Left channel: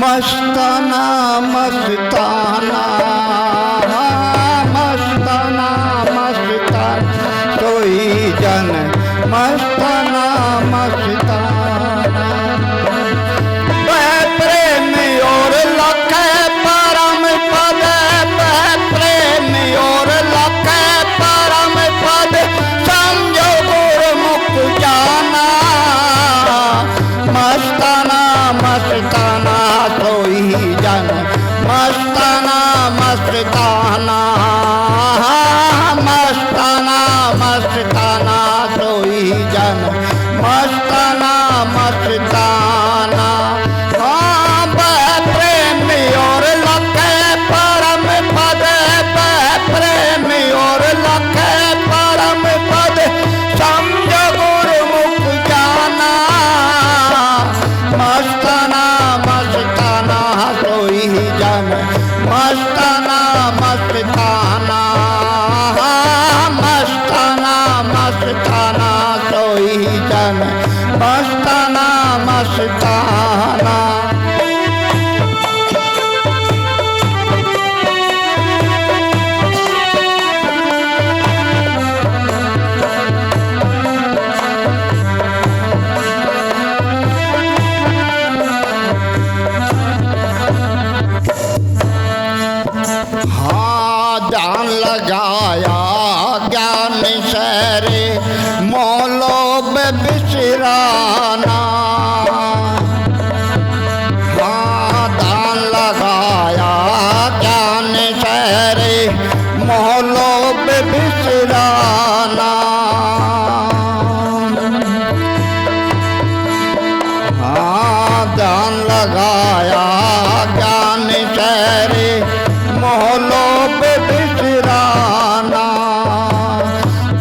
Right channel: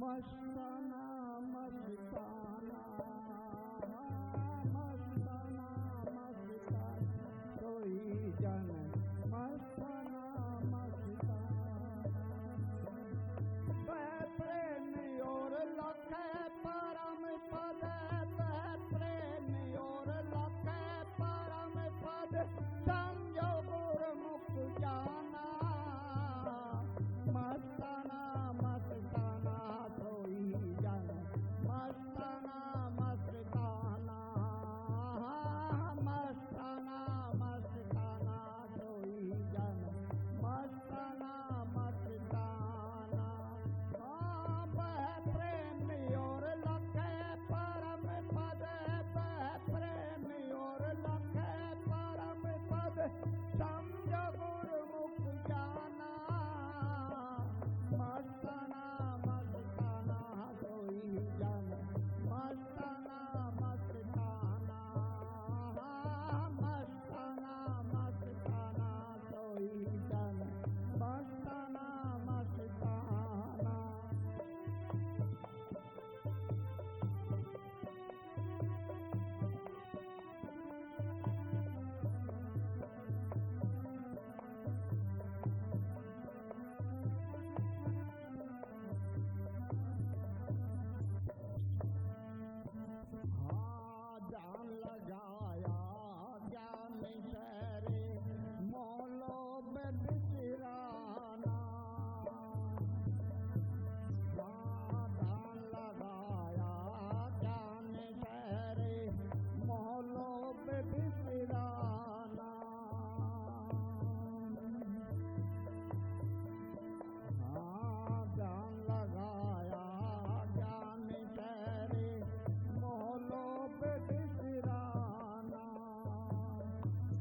मस्ताना मस्ताना मस्ताना मस्ताना सोई जन मस्ताना मस्ताना प्रेम और लख परम पद प्रेम और लख परम पद समझो गुरमुख जाना मस्ताना मस्ताना सोई जन मस्ताना मस्ताना मस्ताना मस्ताना सोई जन मस्ताना मस्ताना प्रेम और लख परम पद प्रेम और लख परम पद समझ गुरमुख जाना मस्ताना मस्ताना सोई जन मस्ताना मस्ताना मस्ताना मस्ताना सोई जन मस्ताना मस्ताना ध्यान लगाया ज्ञान सरे मोलोब बिसराना ध्यान लगाया ज्ञान सरे मोलोब बिसराना ध्यान लगाया ज्ञान सरे मोहलोब बिसराना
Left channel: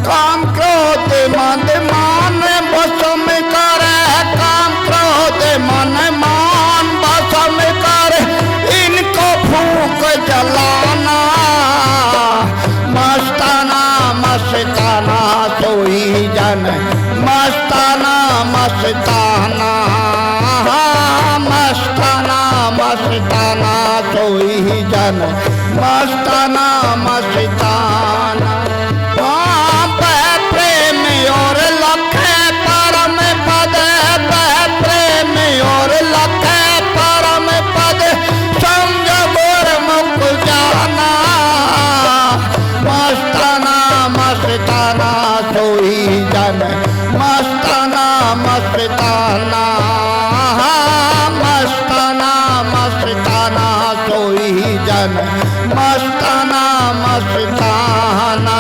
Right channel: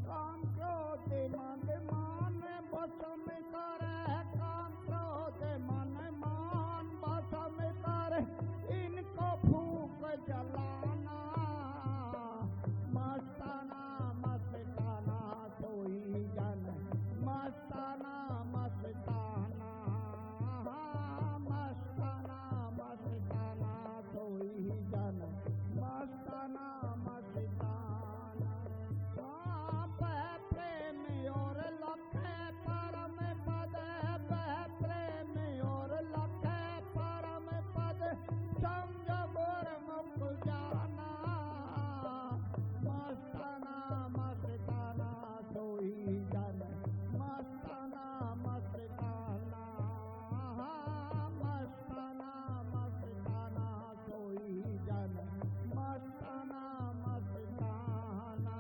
काम क्रोध मन मान बसम करे काम क्रोध मन मान बसम करे इनको फूक जलाना मस्ताना मस्ताना सोई जन मस्ताना मस्ताना मस्ताना मस्ताना सोई जन मस्ताना मस्ताना प्रेम और लख परम पद प्रेम और लख परम पद समझ गुरमुख जाना मस्ताना मस्ताना सोई जन मस्ताना मस्ताना मस्ताना मस्ताना सोई जन मस्ताना मस्ताना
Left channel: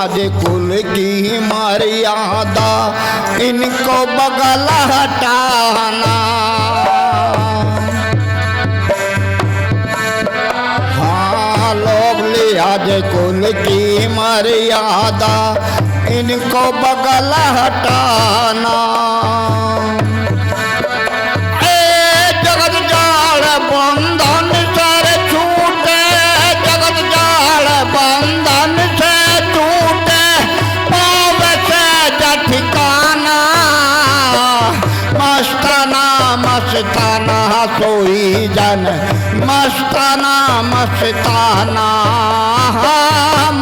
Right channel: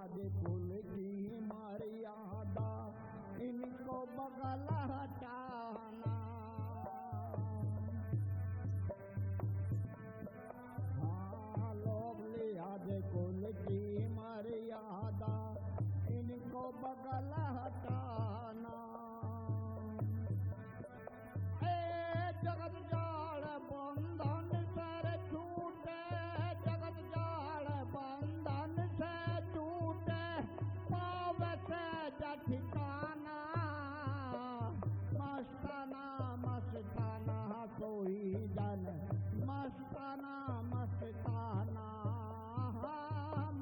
आज कुल की मर्यादा इनको बगल हटाना हाँ लोग लिहाज कुल की मर्यादा इनको बगल हटाना जगत जाल बंधन सर छूटे जगत जाल बंधन से ठिकाना मस्ताना मस्ताना सोई जन मस्ताना मस्ताना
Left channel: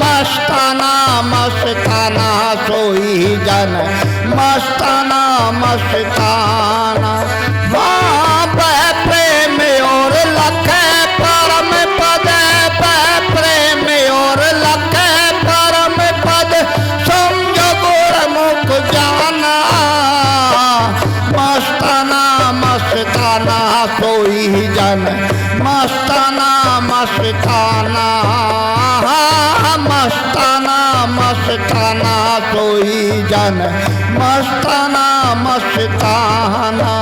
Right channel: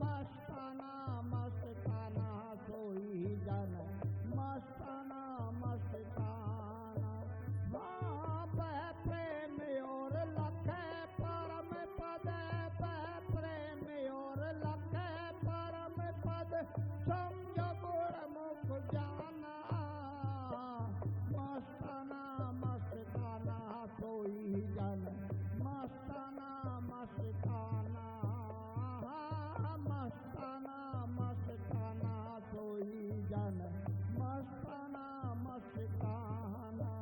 मस्ताना मस्ताना सोई जन मस्ताना मस्ताना प्रेम और लख परम पद प्रेम और लख परम पद समझ गुरमुख जाना मस्ताना मस्ताना सोई जन मस्ताना मस्ताना मस्ताना मस्ताना सोई जन मस्ताना मस्ताना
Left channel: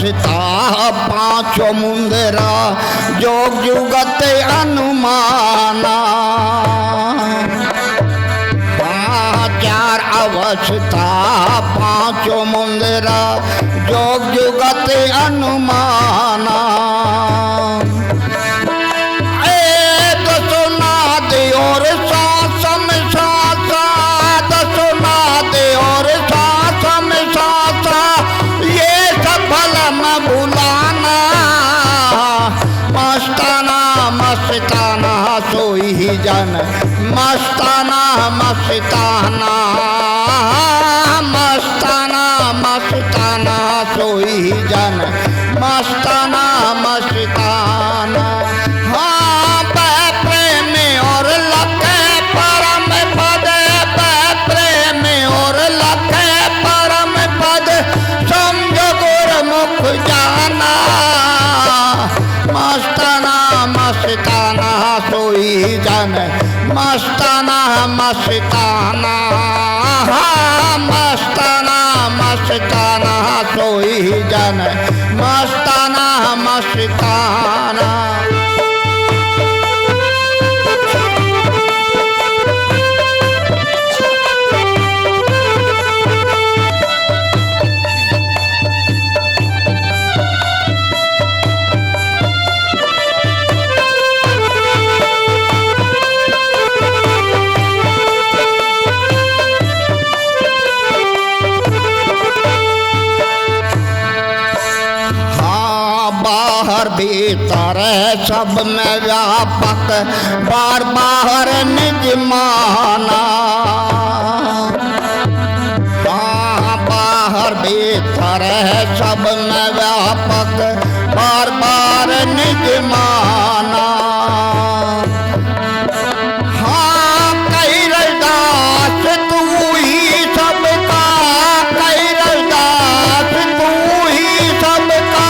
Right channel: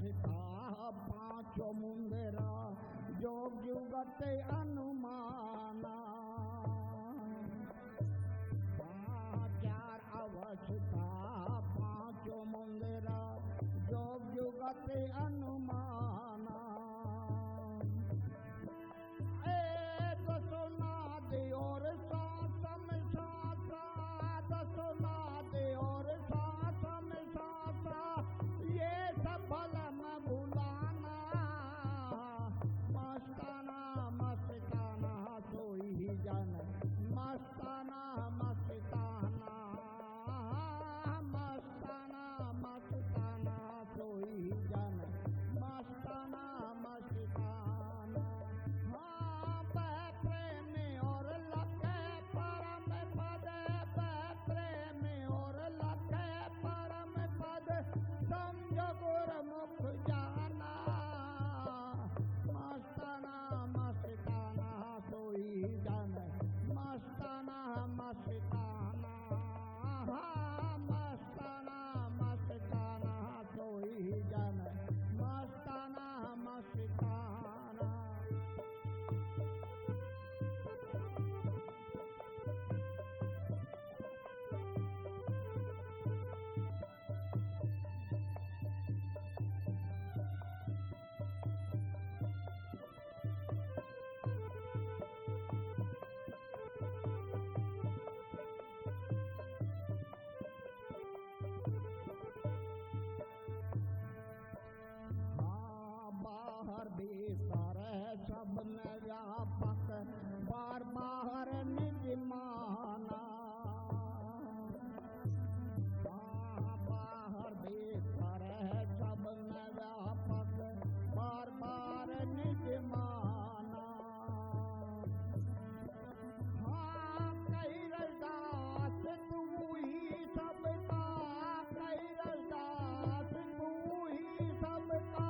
अवस्था पांचों मुंदरा जोग जुगत अनुमाना। चार अवस्था पांचों मुंदरा जोग जुगत अनुमाना। मस्ताना मस्ताना मस्ताना मस्ताना सोई जन मस्ताना मस्ताना। हाँ प्रेम और लखे परम पद प्रेम और लखे परम पद समझो गुरमुख जाना। मस्ताना मस्ताना सोई जन मस्ताना मस्ताना मस्ताना मस्ताना सोई जन मस्ताना मस्ताना। भीतर सब में व्यापक बार बाहर निज माना। बाहर भीतर सब में व्यापक बार बार निज माना। हाँ कई रसदास तू ही सबका कई रसदास तू ही सबका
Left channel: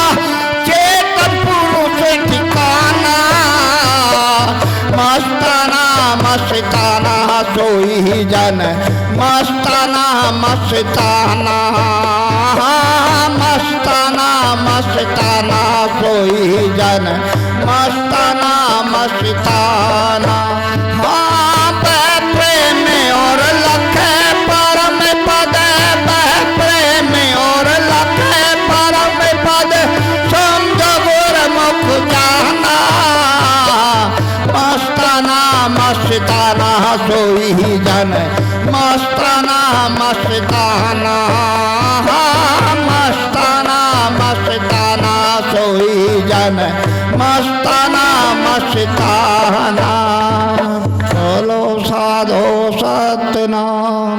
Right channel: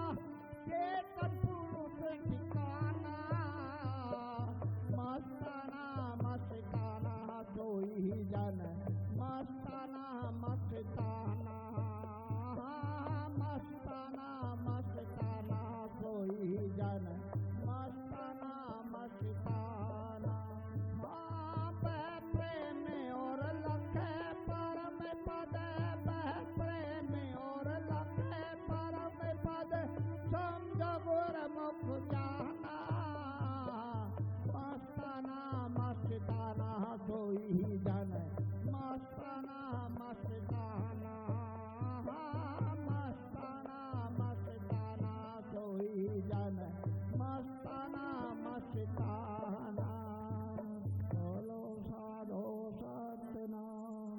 मस्ताना सोई जन मस्ताना मस्ताना मस्ताना मस्ताना सोई जन मस्ताना मस्ताना। हाँ प्रेम और लखे परम पद प्रेम और लखे परम पद समझो गुरमुख जाना। मस्ताना मस्ताना सोई जन मस्ताना मस्ताना मस्ताना मस्ताना सोई जन मस्ताना मस्ताना। बोलो साधो सतनाम।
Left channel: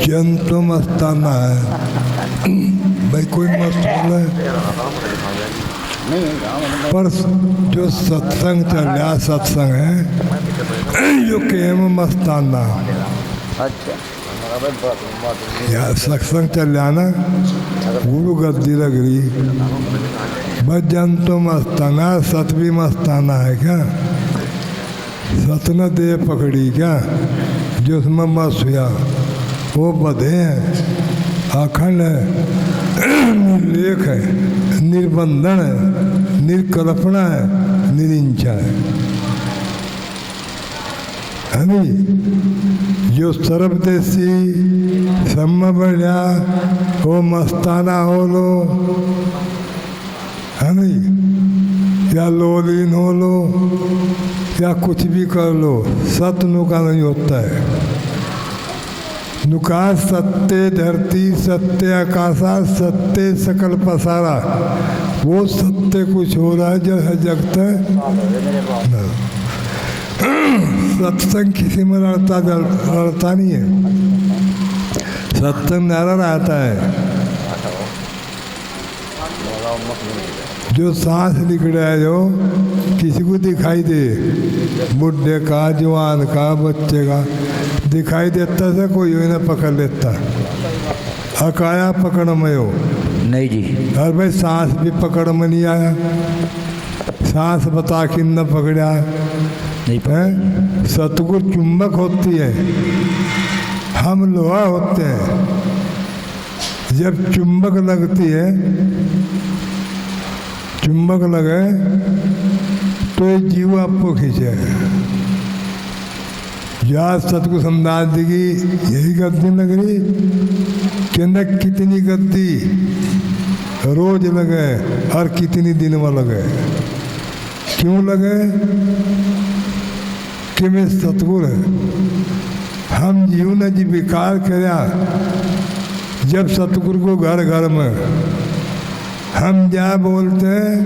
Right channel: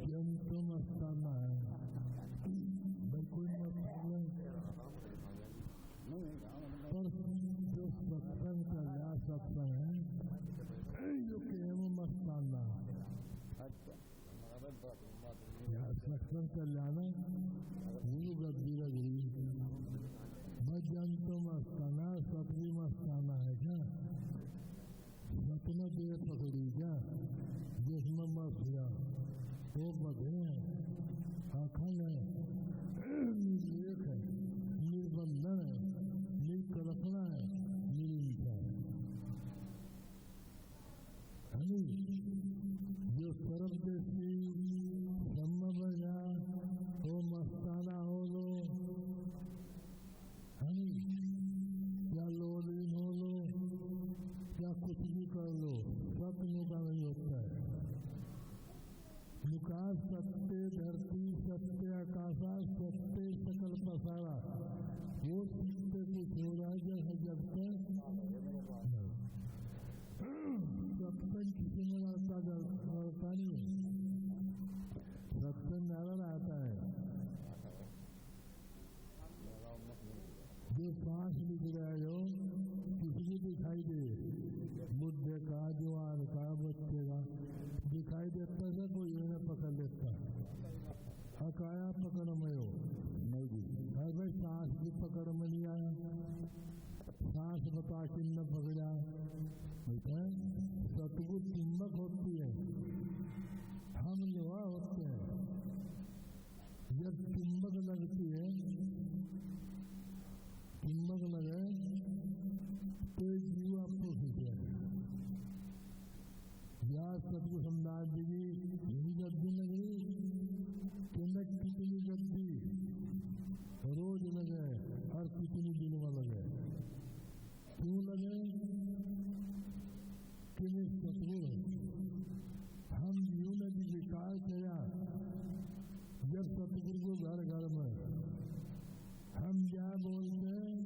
जंतु मस्ताना है भाई, कोई मस्त पर जो सत्संग चल रहा सत्संग है जो केम मस्ताना। या सत्संग चल रहा ना गुरु गद्दी लग रही बस जंतु मस्ताना सत भी मस्ताना है क्या। सत न दे पकड़ी क्या जो उसमें मस्त हुआ वो बधे हैं अखंड है निर्लेख है निर्बंधन है निर्कल्पना है निरिंचा है नहीं। जो सर्वदेशी सम्म बढ़िया वो मस्ताना हो लो है नहीं, या लोलीन हो लो या कुछ भी कर लो, सत्य नुका नहीं होता है। नुका सत्य धरती सत्य आकाशा सत्य सकल पसारा, वो सत्य कुछ हो रहा है जैसे जगत है। सत्संग किसी में लड़ता नहीं है, सत्संग नारा रहता है जो सांस निकले जो किसी को दिखाई दे, बुढ़े का, जवान का, बच्चे का दिखाई देता से कोई ना पकड़ लेता। अकाया पकड़ में हो नहीं जी। और भाई सांस भी पकड़ में नहीं आया, सांस बता कि न पकड़ा नहीं है। सतगुरु चुंबक होती है, हम लोहा होते हैं। जब चुंबक लगती है, चुंबक लगे तो ये जीव आपको खींचे। याद सतगुरु समदास जी की यही गद्दी लग रही कि न कितनी गद्दी रोज लगे और कितनी दिन में लगे। क्यों लगे कि मैं सतगुरु है। हम जीव ने जी विकार कराया। जब सतगुरु को घर घर में हम जय बोलते हैं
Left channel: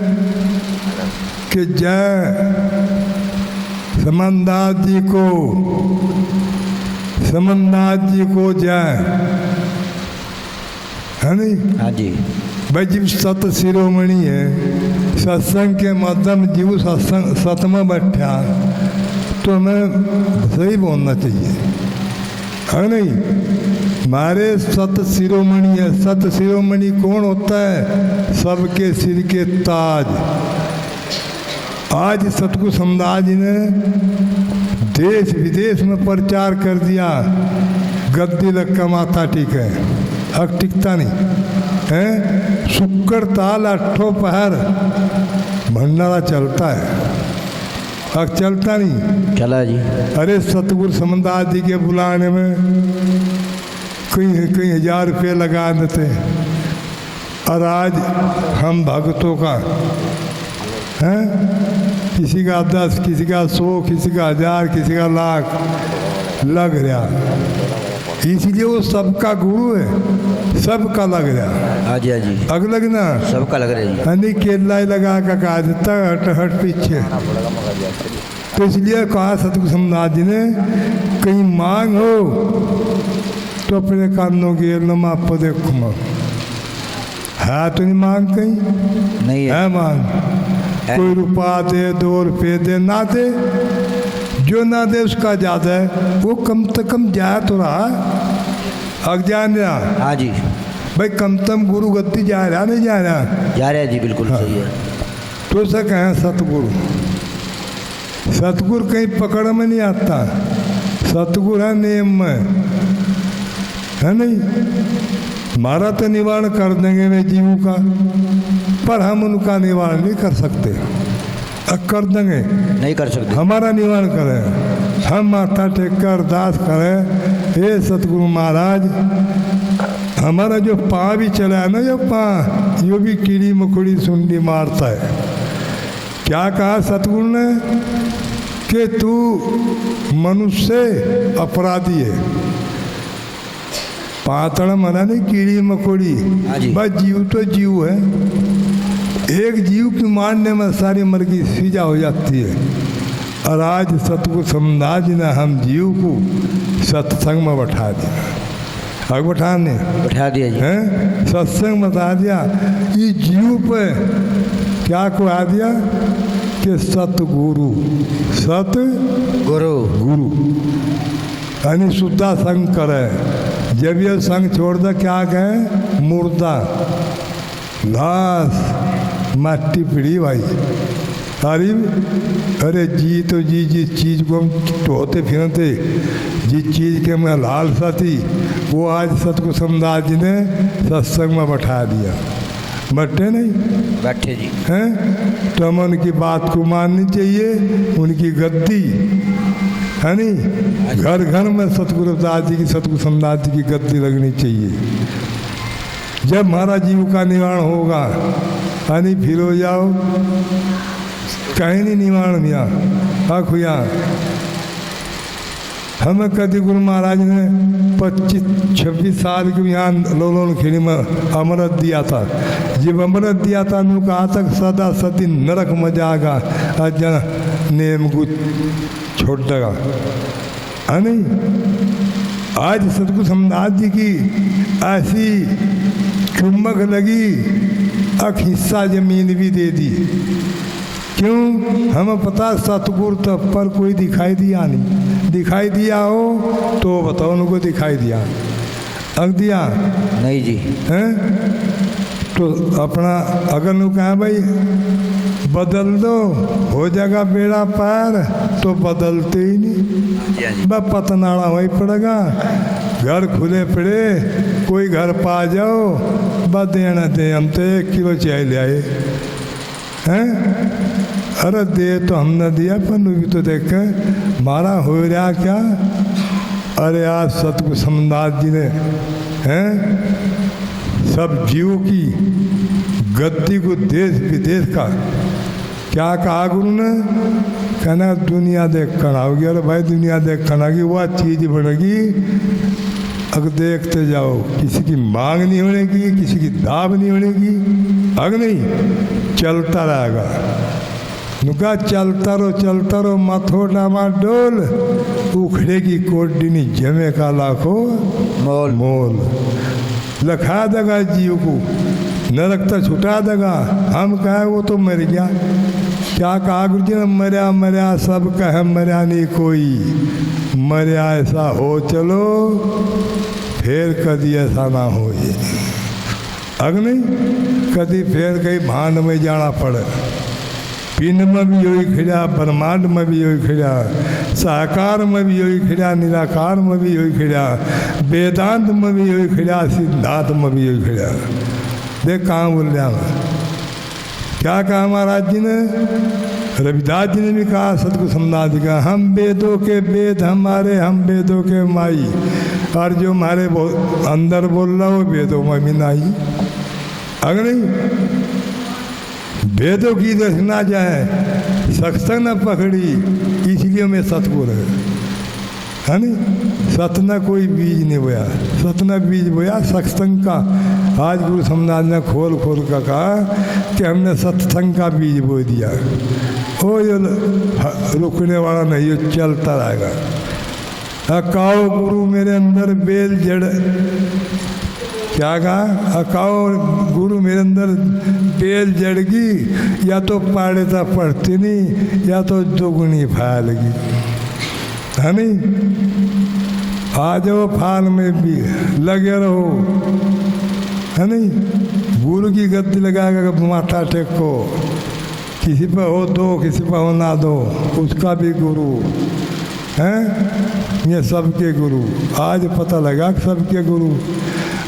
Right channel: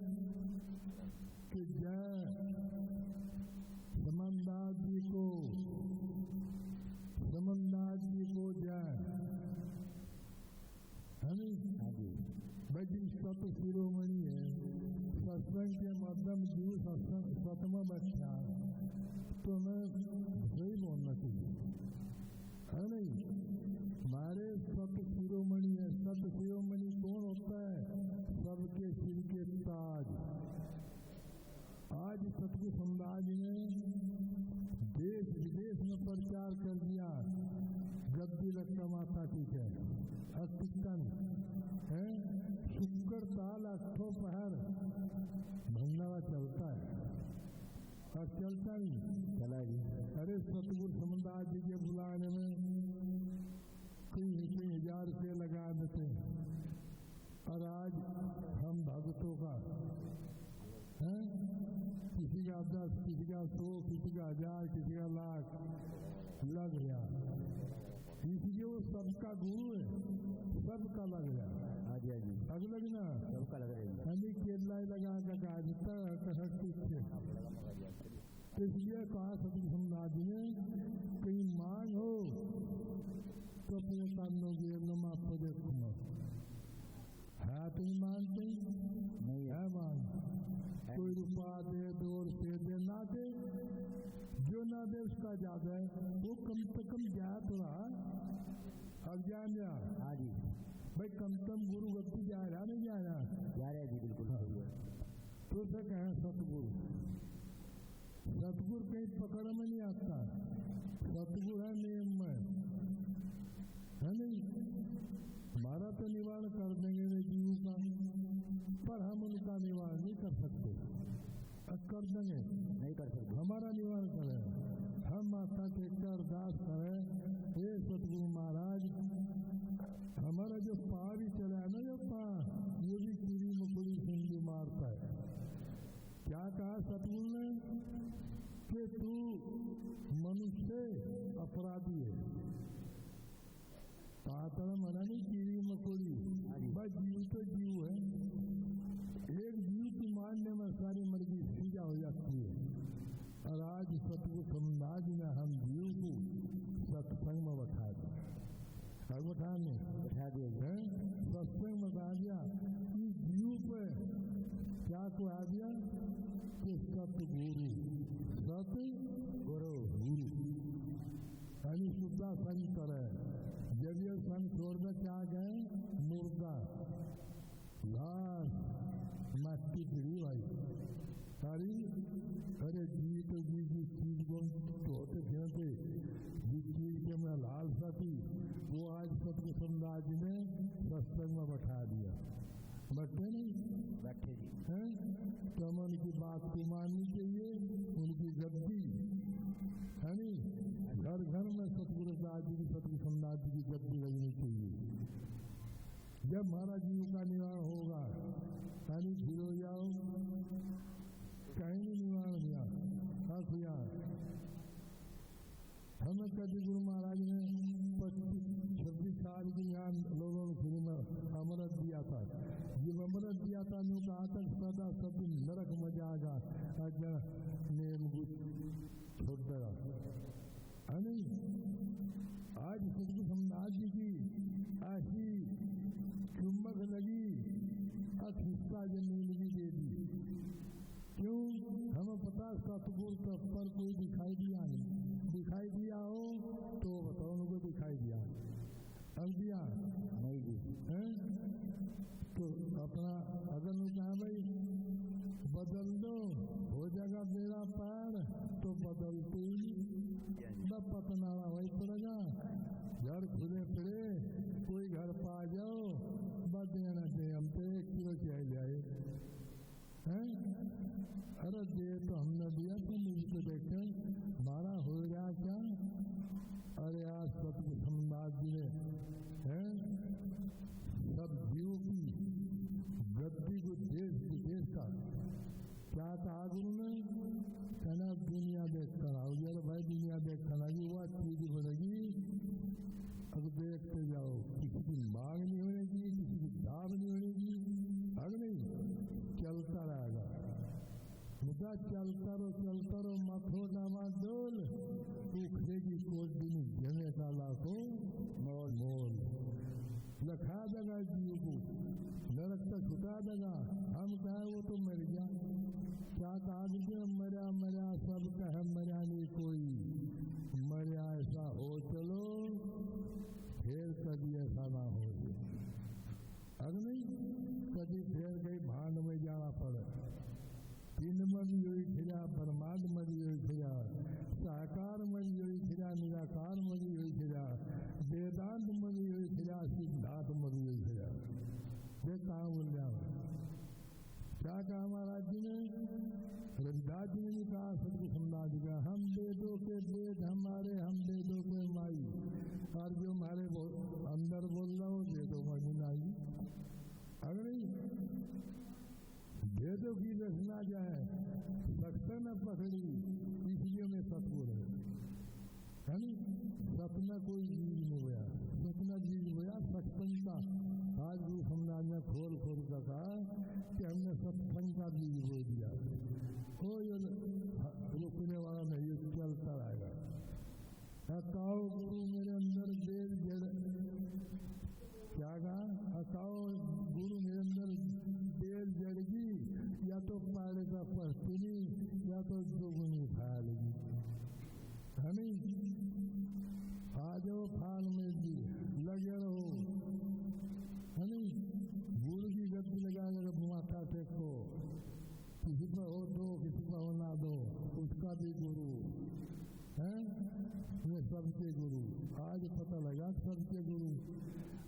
कि जय समनदास जी को, समनदास जी को जय, है नहीं? हाँ जी। भाई जीव सत शिरोमणि है, सत्संग के माध्यम जीव सत्संग सत में बैठा तो हमें सही बोलना चाहिए, है नहीं? हमारे सत शिरोमणि है। सत शिरोमणि कौन होता है? सबके सिर के ताज। आज सतगुरु समदास जी ने देश विदेश में प्रचार कर दिया, गद्दी लक्का माता ठीक है, अब टिकता नहीं है। शुक्र ताल अट्ठों पहर भंडारा चलता है, अब चलता नहीं। चला जी। अरे सतगुरु समदास जी के बुलाने में कई हजार रुपये लगा देते, और आज हम भक्तों का है, किसी का 10, किसी का 100, किसी का 1000, किसी का लाख लग रहा। इसलिए वो सबका गुरु है, सबका लग रहा। हाँ जी, हाँ जी। अग लगना सबका लग रहा है जी। हनी केला ही लगा का कहा देता हट हट पीछे। तो इसलिए कहा सतगुरु समदास जी ने, कहीं मांग हो तो अपने कानों की नमा आपको देखो माँ है तो नहीं मांग कहीं नहीं है, है मांग। कोई रुपया दे, 2 रुपये दे, ना दे, जो ना दे उसका ज्यादा है, वो कम से कम जा तो रहा, अज्ञान रहा। हाँ जी। भाई कम से कम गुरु गद्दी जा रहा नहीं जा रहा? जा रहे हैं जी, बिल्कुल सही है। तो से कहें सतगुरु, सतगुरु कहीं पकड़ में नहीं आता, सतगुरु है नेम में, है नहीं? हमारा तो निवारण कर देंगे वे जीवों का, पर हम उनका निवारण नहीं कर सकते। अब कर देंगे, नहीं कर सकते। हमारा निवारण करें, हम माथा टेक कर अरदास करें, हे सतगुरु महाराज, हमारा जो पाँव भी चला है ना, जो पाँव यो भी कीड़ी मकोड़ी सुंडी मारता है। क्या कहा सतगुरु ने कि तू मनुष्य अपराधी है। पातड़ मना नहीं, कीड़ी मकोड़ी, बस जीव तो जीव है। एक जीव की मारने में सारी मर्गी सीजा हो जाती है। और आज सतगुरु समदास जी ने हम जीव को सत्संग में बैठा दिया। आगे बैठा दिया जी, हैं? सत्संग बता दिया। ये जीव पे क्या को आ दिया कि सतगुरु, सतगुरु गुरु यानी शुद्धा संग करे। जब ये संग छोड़ दे क्या कहें? मुर्दा, लाश, मट्टी पीड़ी भाई। अरे जी तो जी जिस चीज़ को हम ढोते फिरते, जिस चीज़ के मैं लालसा थी, वो आज सतगुरु समदास जी ने सत्संग में बैठा दिया। बैठे नहीं? बैठे जी हैं? तो हमें उनकी बात को माननी चाहिए, उनकी गद्दी है नहीं, घर घर में सतगुरु दास जी की, सतगुरु समदास जी की गद्दी लगनी चाहिए। जब हमारा जीव का निवारण होगा, है फिर हो जाओ कहीं नहीं निवारण मिया खुया। हमें कभी गुरु महाराज ने 25-26 साल के यहाँ लोलोन खेड़ी में अमृत दिया था। जब अमृत दिया था उन्होंने कहा तक सदा सदी नरक में जाएगा, अजन नेम को छोड़ देगा, है नहीं? आज सतगुरु समदास जी की ऐसी चुम्बक लगी हिस्सा जमीन भी दे दी। क्यों? हमें पता सतगुरु तब पर कोई दिखाई दिया नहीं। दिखाई दिया हो तो बताओ उनको दिखाई दिया, अग दिया नहीं जी। हैं? तो अपना अगर नु कहा भाई बदल दो हो जाएगा बेड़ा पार, तो बदलते ही नहीं। बस पतनाड़ा वही पड़ेगा। घर खुले पड़े, कोई घर पा जाओ, बस देना दे, हम तो 1 किलो चाय ले आए हैं। अरे दे तो हमने दिया, पर भी तो देख मारा हो रहा क्या। अरे आज सतगुरु समनाथ जी ने हैं सब जीवों की गद्दी को देश विदेश का क्या कहा गुरु ने? कहना दुनिया देख कर आओगी। अरे भाई दुनिया देख कर आएगी, वह चीज़ बनेगी अगर देखते जाओ। किसी की मांग नहीं होनेगी, किसी की दाब नहीं होनेगी, अग नहीं चलता रहेगा। नुका चलता रहो मथो डामा डोल, उखड़ेगी कोडिनी जमे का लाखों मोल मोल। लखा देगा जीव को, नरक तो छुटा देगा। हम कहे वो तो मर गया। क्या कहा गुरु जी ने? मरया मरया सब कहे, मरया नहीं कोई। मरया ऐसा हो चलो, फिर कभी ऐसा ना हो ये। अग नहीं कभी फिर कहीं भांड में जाना पड़े। पिंड में भी यही खिड़ा, ब्रह्मांड में भी यही खिड़ा, साकार में भी यही खिड़ा, निराकार में भी यही खिड़ा, वेदांत में भी यही खिड़ा, सिद्धांत में भी यही खिड़ा। देख कहाँ बोल रहा मैं। क्या कहा महाराज जी ने? रविदास जी ने भी कहा, सतगुरु समनाथ जी का, हम वेदों के वेद हमारे, हम वेदों के माई। और जो हमारे अंदर बोल रहा हो वेदों में भी नहीं। अगर नहीं वेदों की दर्शना जाए, सत्संग न पकड़ी, इसलिए मैं सतगुरु है नहीं। सत न कोई बीज नहीं बोया, सत न बीज बोया सत्संग का। आज गुरु समनाथ ने खोल खोल कर कहा कि हमने सत्संग का बीज बो दिया। हो ये रुकने वाला नहीं, ये चलता रहेगा। अकाओ गुरु मेरे अंदर बेल जड़, क्या कहा? अकाओ गुरु मेरे अंदर बेल जड़गी, या तो पाड़े तो पढ़ती नहीं, या तो दोगुनी फैलगी, है नहीं। आ जाओ फाल में भी लगे रहो, है नहीं। गुरु की गद्दी लगा कर माथा टेको, किसी पर हो दो, किसी पर हो ना दो, उसका भी गुरु हैं। ये सबके गुरु आज पता लगा कि सबके गुरु,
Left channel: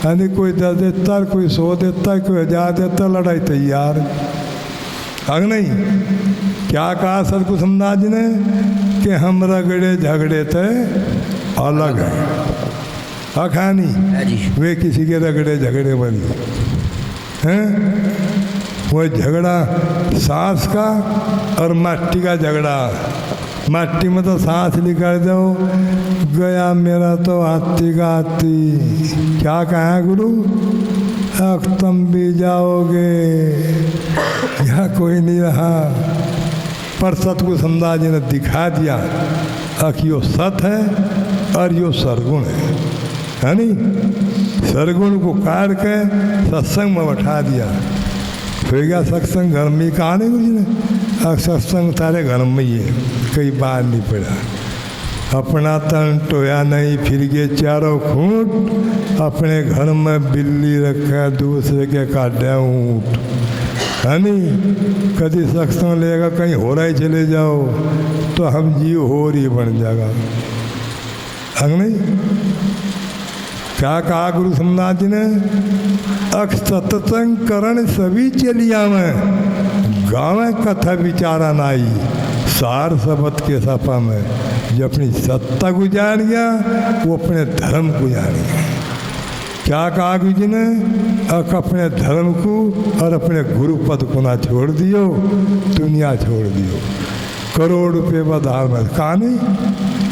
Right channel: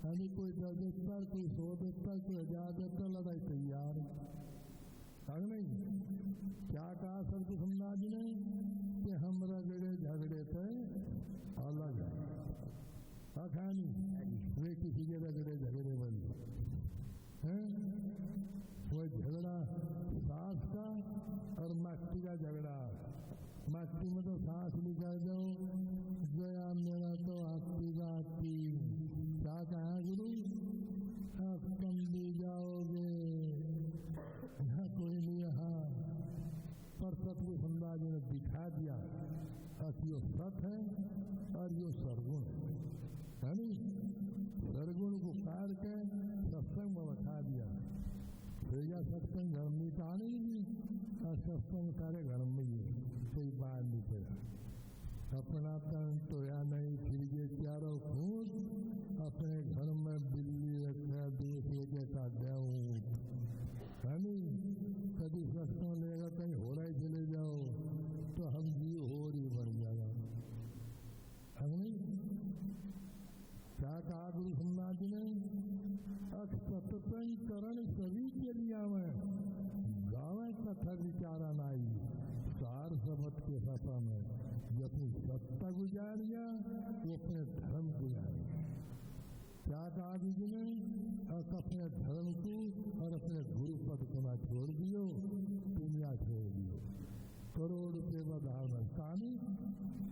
यानी कोई 10 देता, कोई 100 देता, कोई 1000 देता, लड़ाई तैयार। अग नहीं क्या कहा सतगुरु समनाथ जी ने कि हम रगड़े झगड़े थे अलग है। अखानी वे किसी के रगड़े झगड़े बनी हैं। वो झगड़ा सांस का और मट्टी का झगड़ा। मट्टी में तो सांस निकाल दो, गया मेरा तो हाथी का हाथी। क्या कहा गुरु? अब तुम भी जाओगे, यहाँ कोई नहीं रहा। पर सतगुरु समनाथ जी ने दिखा दिया कि यो सत है और यो सरगुण है नहीं। सरगुण को काट के सत्संग में बैठा दिया। हो गया सत्संग घर में। कहा नहीं गुरु जी ने? अब सत्संग तारे घर में ही है, कहीं बाहर नहीं पड़ा। अपना तन टोया नहीं, फिर गए चारों खूंट। अपने घर में बिल्ली रखा, दूसरे के काटे ऊँट, है नहीं। कभी सत्संग लेगा कहीं हो रहा ही चले जाओ तो हम जीव हो रही बन जाएगा, है नहीं। क्या कहा गुरु समनाथ जी ने? अक्ष सत्संग करण सभी चलिया में, गाँव कथा विचारा नाई। सार सबत के सपा में जो अपनी सत्ता को जान गया, वो अपने धर्म को जान गया। क्या कहा गुरु जी ने? अपने धर्म को और अपने गुरु पद को ना छोड़ दियो, दुनिया छोड़ दियो। करोड़ रुपये बधार में कहा नहीं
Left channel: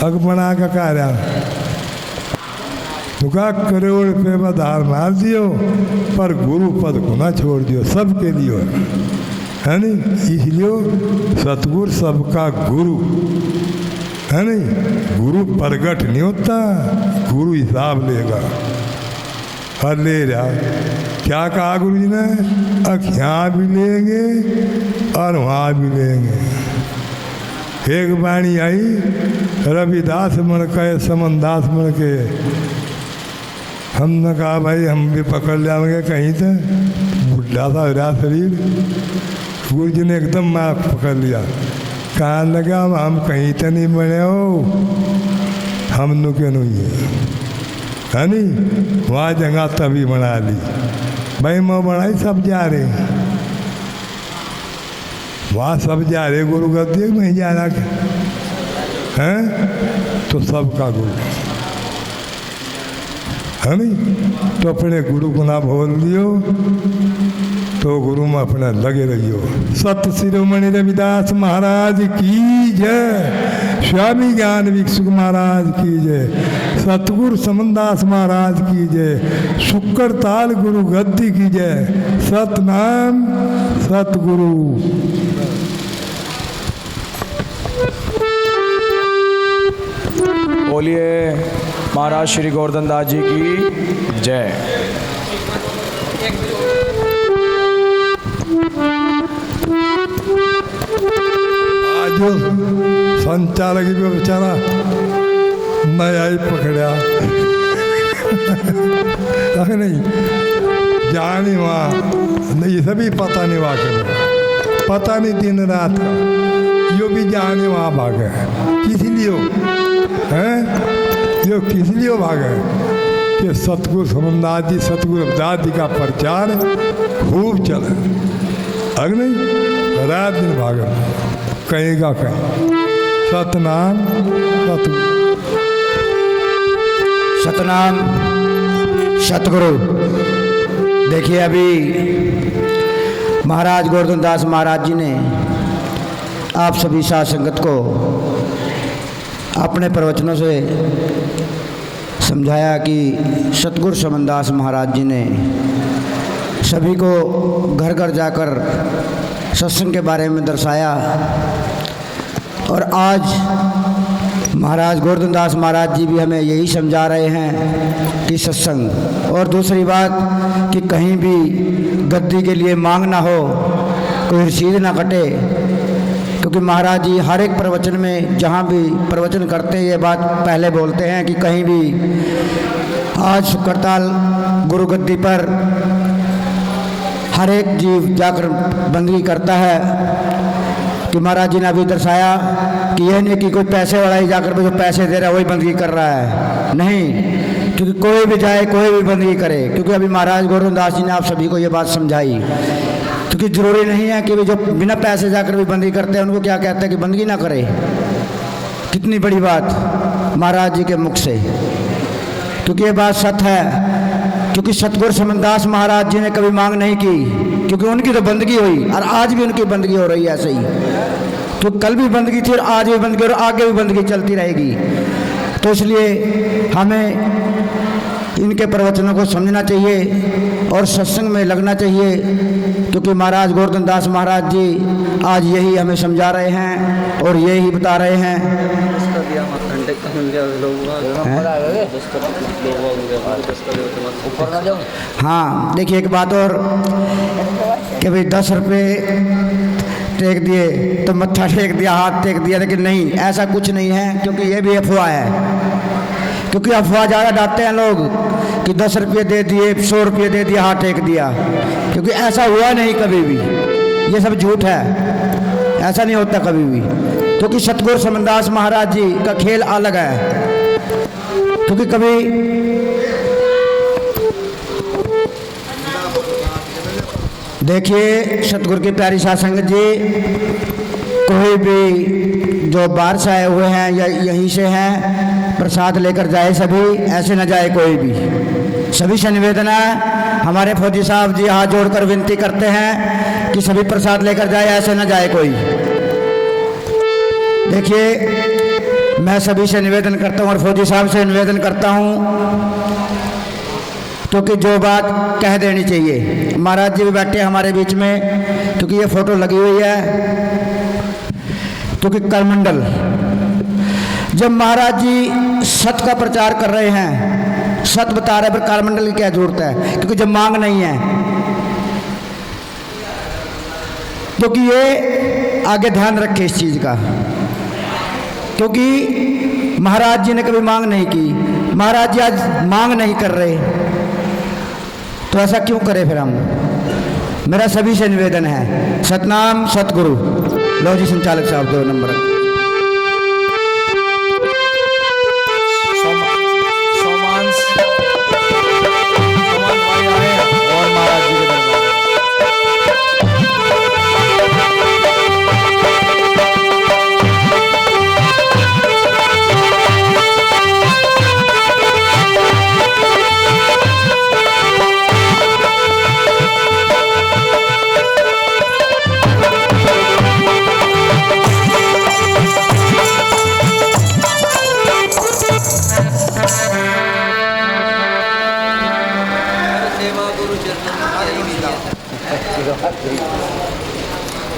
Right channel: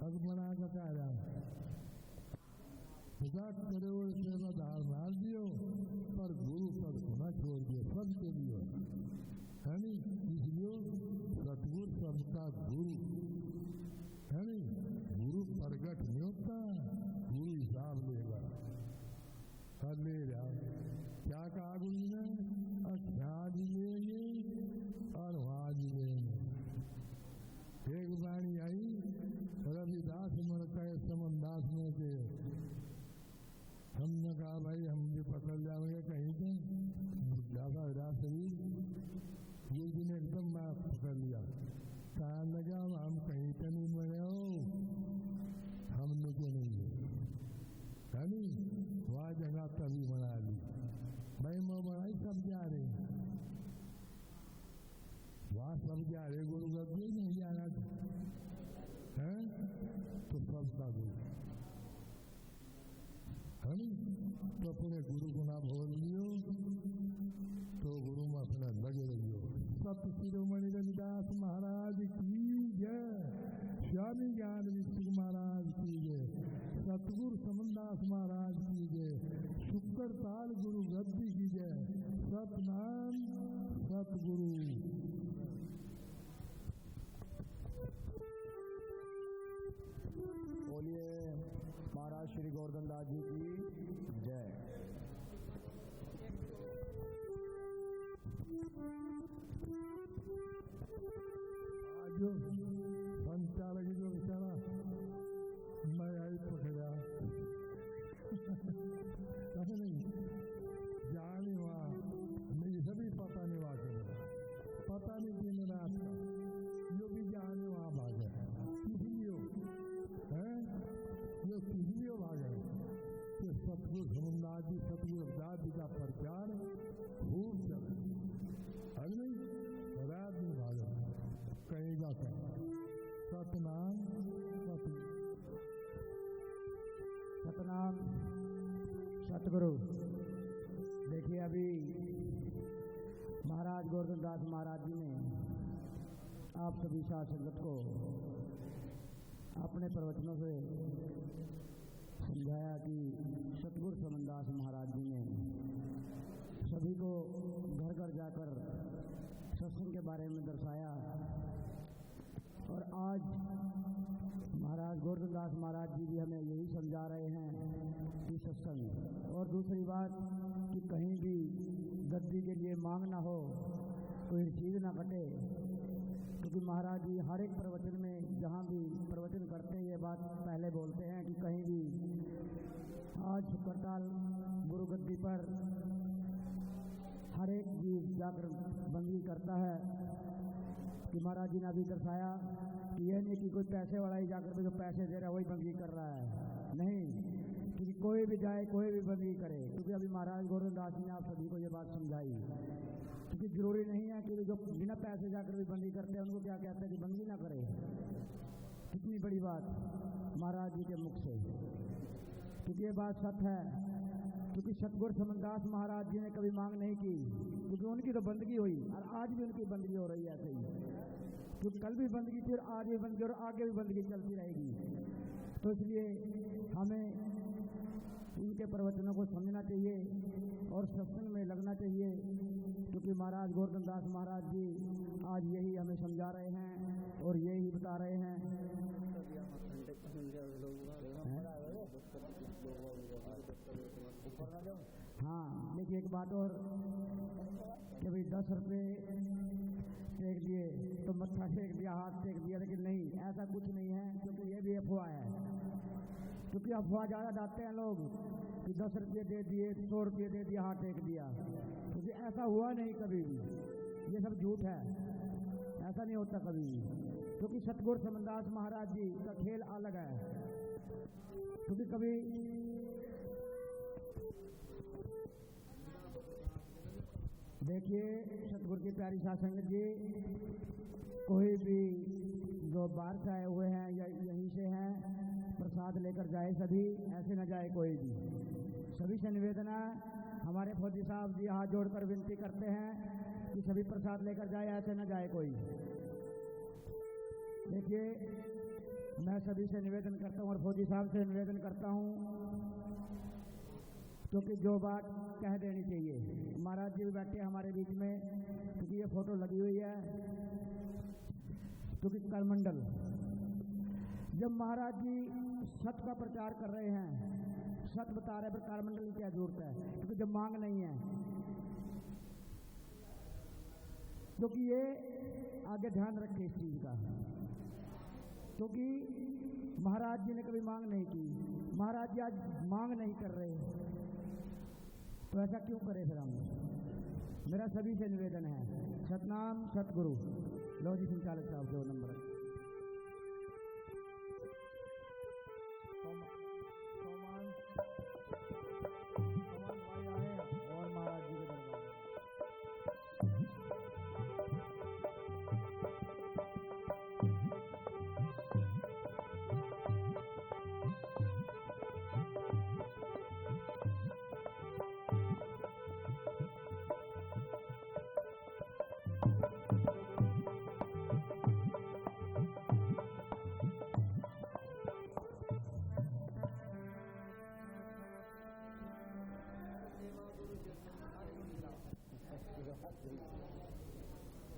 अग बना का कार्य तुका करोड़ रुपये बधार मार दियो, पर गुरु पद को ना छोड़ दियो। सबके लिए है नहीं। इसलिए सतगुरु सबका गुरु है नहीं। गुरु प्रगट नहीं होता, गुरु हिसाब लेगा, और ले जा। क्या कहा गुरु जी ने? यहाँ भी लेंगे और वहाँ भी लेंगे। एक बाणी आई, रविदास मन के समनदास मन के। हमने कहा भाई हम भी पकड़ जाएंगे कहीं से, बुढ़ा सा रहा शरीर। गुरु जी ने एकदम माँ पकड़ लिया। कहा लगा हम कहीं तो नहीं बने हो, हम नु के नहीं है नहीं। वहाँ जगह तभी बना ली भाई, मैं बनाई सब जा रहे, वहाँ सब जा रहे। गुरु गद्दी नहीं जाना हैं तो सबका गुरु है नहीं। तो अपने गुरु को ना भूल दियो, तो गुरु में अपना लगे रहियो। सत शिरोमणि रविदास महाराज की जय, स्वामी ज्ञान भिक्षुक महाराज की जय, सतगुरु समनदास महाराज की जय, शुक्र ताल गुरु गद्दी की जय। सतनाम सतगुरु। बोलिए महाराज श्री गोवर्धन दास जी की जय। आज जो संचालक भी बेचारा नया ही पकड़ा नहीं जाने वहाँ नहीं, सभी पता नहीं वहाँ के, पता नहीं दिन रात का यो भी जाने वहाँ भागे। किस लिए हैं यो, किस लिए भागे कि सतगुरु समनदास जी, सतगुरु रविदास जी का प्रचार खूब चले। अगर नहीं रात दिन भागे कहीं का कहीं। सतनाम सतनाम सतगुरु। देखिए अभी महाराज गोवर्धन दास महाराज जी ने आप सभी साध संगत को अपने प्रवचनों से समझाया कि सतगुरु समनदास महाराज जी ने सभी को घर घर जाकर सत्संग के बारे में दर्शाया। और आज महाराज गोवर्धन दास महाराज जी भी हमें यही समझा रहे हैं कि सत्संग। और दूसरी बात कि कहीं भी गद्दी के लिए मांग ना हो, कोई रसीद ना कटे, क्योंकि महाराज जी हर एक प्रवचन में जहाँ भी प्रवचन करते हैं ये बात पहले बोलते हैं कि कहीं भी आज शुक्रताल गुरु गद्दी पर हर एक जीव जाकर बंदगी करता है। कि महाराज जी ने अभी दर्शाया कि यह नहीं कि कोई पैसे वाला ही जाकर जो पैसे दे रहा है वही बंदगी कर रहा है, नहीं, क्योंकि कोई भी जाए कोई भी बंदगी करे। क्योंकि अभी महाराज गोवर्धन दास जी ने आप सभी को ये बात समझाई, क्योंकि ज़रूरी नहीं है कि जो बिना पैसे जाकर भी बंदगी करते हैं उनको क्या कहते हैं कि बंदगी ना करे। कितनी बड़ी बात महाराज जी के मुख से, क्योंकि ये बात सत्य है। क्योंकि सतगुरु समनदास महाराज जी ने कभी मांग नहीं की, क्योंकि उनकी तो बंदगी हुई और आज भी उनकी बंदगी हो रही है ऐसे ही। तो कल भी बंदगी थी और आज भी बंदगी और आगे भी बंदगी चलती रहेगी। तो इसलिए हमें इनके प्रवचनों को समझना चाहिए और सत्संग में लगना चाहिए, क्योंकि महाराज गोवर्धन दास महाराज जी आज यही हमें समझा रहे हैं और यही बता रहे हैं। हाँ, देखिए एक बात और कि भाई 10 रुपये टेक दिए तो मत्था टेक दिया, हाथ टेक दिया, लेकिन नहीं, ऐसा कुछ नहीं है। क्योंकि ये भी अफवाह है। क्योंकि अफवाह ज़्यादा डालते हैं लोग कि 10 रुपये दे दिए, 100 रुपये दे दिया, हाथ टेक दिया, क्योंकि ऐसा हुआ नहीं कभी भी। ये सब झूठ है, ऐसा नहीं होता कभी भी। क्योंकि सतगुरु समनदास महाराज जी का खेल अलग है। क्योंकि कभी देखिए सतगुरु की प्यारी साध संगत जी, कोई भी जो बाहर से आए हुए हैं या यहीं से हैं, प्रसाद लेकर जाए सभी, ऐसे न जाए कोई भी। सभी से निवेदन है, हमारे फौजी साहब जी हाथ जोड़कर विनती करते हैं कि सभी प्रसाद लेकर जाए, ऐसे न जाए कोई। देखिए मैं सभी से निवेदन करता हूँ और फौजी साहब से निवेदन करता हूँ, क्योंकि जो बात कह देनी चाहिए। महाराज जी भी बैठे हमारे बीच में, क्योंकि ये फोटो लगी हुई है। क्योंकि करमंडल जब महाराज जी सत्य का प्रचार कर रहे हैं सत बता रहे, पर कालमंडल की क्या जरूरत है, क्योंकि जब मांग नहीं है, क्योंकि ये आगे ध्यान रखे इस चीज का, क्योंकि महाराज जी ने कभी मांग नहीं की। महाराज जी आज मांग नहीं कर रहे, तो ऐसा क्यों करें फिर हम। मेरा सभी से निवेदन है, सतनाम सतगुरु। लो जी संचालक साहब 2 नंबर। सोमान भाई आए और महाराज जी के दरबार।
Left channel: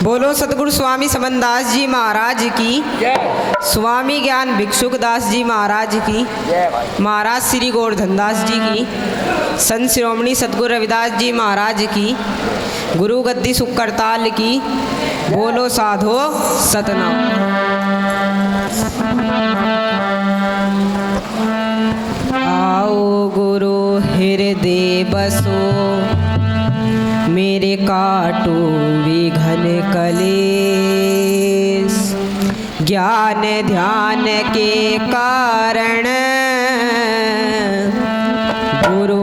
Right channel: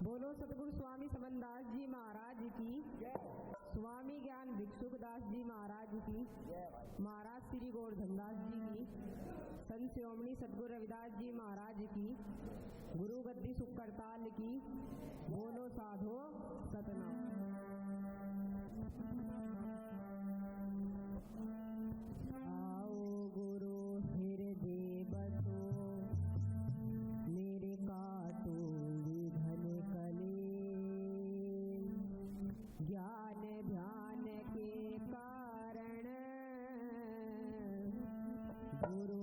बोलो सतगुरु स्वामी समनदास जी महाराज की, स्वामी ज्ञान भिक्षुक दास जी महाराज की, महाराज श्री गोवर्धन दास जी की, संत शिरोमणि सतगुरु रविदास जी महाराज की, गुरु गद्दी सुख करताल की। बोलो साधो सतनाम। आओ गुरु हृदय बसो, मेरे काटो विघन कलेश, ज्ञान ध्यान के कारण गुरु